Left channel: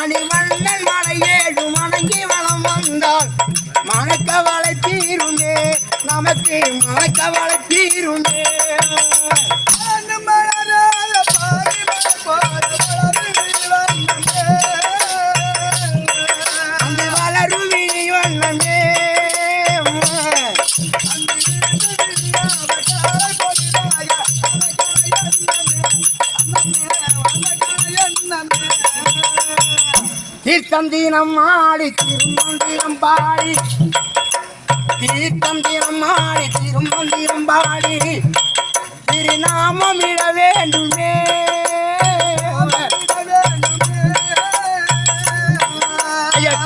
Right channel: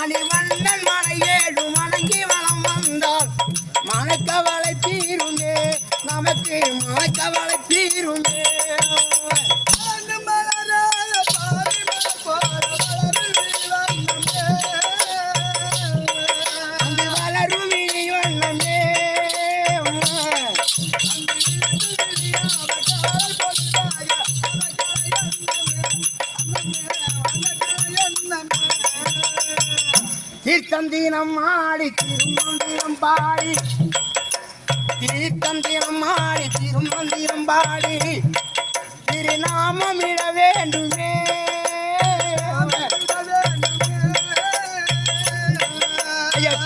மணிவண்ணன் மலையேழு மடங்கி வளம் வந்தால் மனக்கவலை தீருமே நமக்கு மனக்கவலை தீருமே தீர்த்தந்தினம் ஆடி திருமந்திரம் பாடி தீர்த்தந்தினம் ஆடி திருமந்திரம் பாடி திருநாமம் இட வேண்டுமே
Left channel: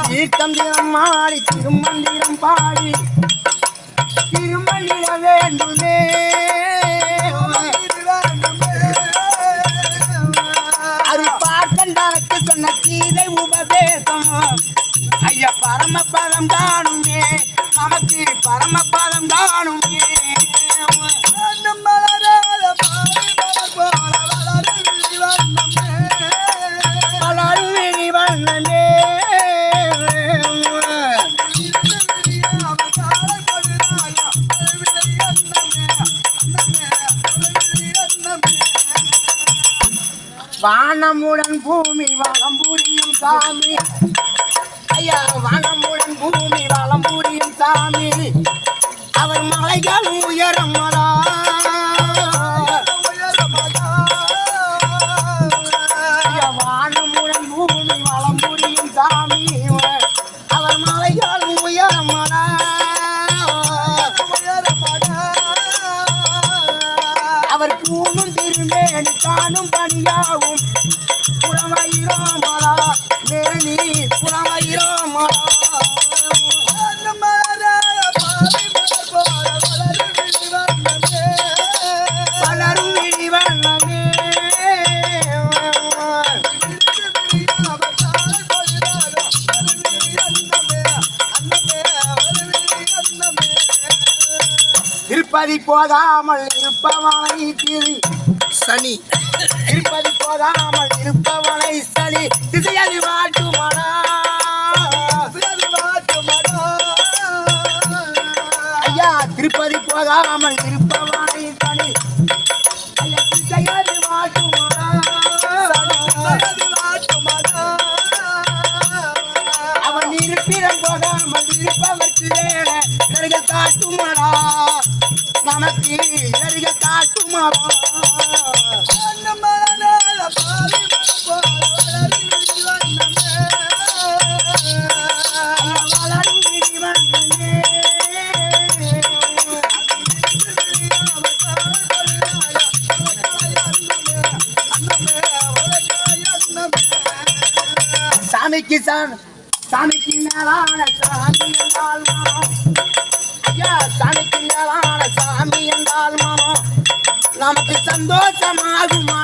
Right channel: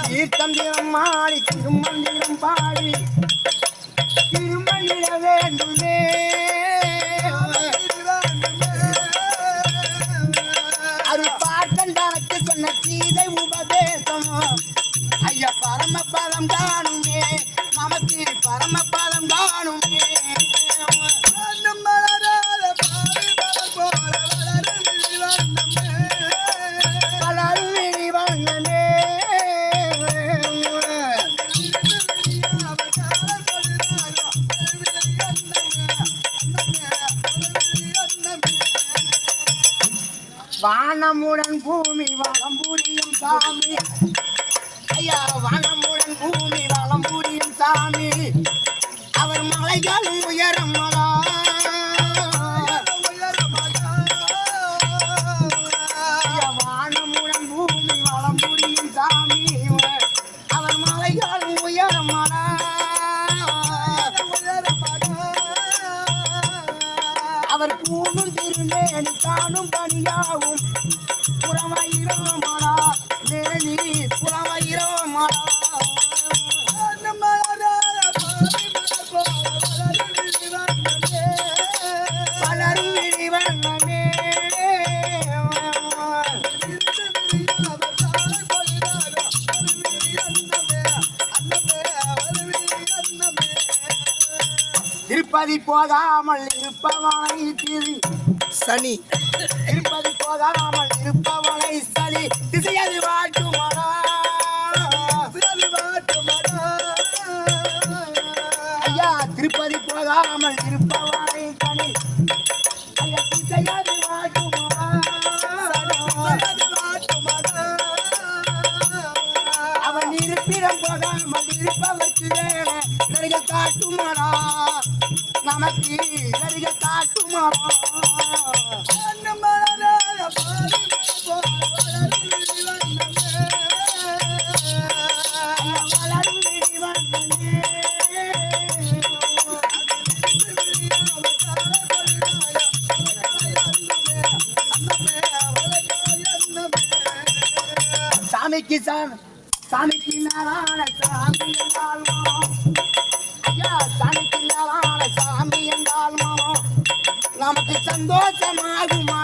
தீர்த்தந்தினம் ஆடி திருமந்திரம் பாடி திருமந்திர வேண்டுமே அது பார்த்தண்டனுக்கு சொன்ன கீதை உபதேசம் ஐயா பரமபதம் காணுமே நமக்கு பரமபதம் காணுமே வானமுடன் பூமி வளம் புரியும் சாமி ஐயா வானமுடன் பூமி வளம் புரியும் சாமி அவர் மலைகள் உயரம் வானமுடன் பூமி வளம் புரியும் சாமி அவர் மலைகள் உயரம் அவர் பூணும் திருமேனி காணும் பணியாவும் புலமயிரோமலா மேனி புலமயிரோமலா பலரும் இடிவண்ணமே திருப்பதி போகாமல் இருப்பவனை திரி சனி திருப்பதி போகாமல் இருப்பவனை சனி திசையது மாட்டுமடா ஐயா திருப்பதி போகாமல் இருப்பவனை சனி திசையது மாட்டுமடா அவன் இருப்பிடம் போகாமல் இருப்பவர்க்கு வேலை நெருக காட்டுமடா நமக்கு நெருக காட்டுமடா சாமிக்கு மேலான சாமி என்றால் மானம் ஐயா சாமிக்கு மேலான சாமி என்றால் மானம் நமக்கு சந்தோஷமாகுமா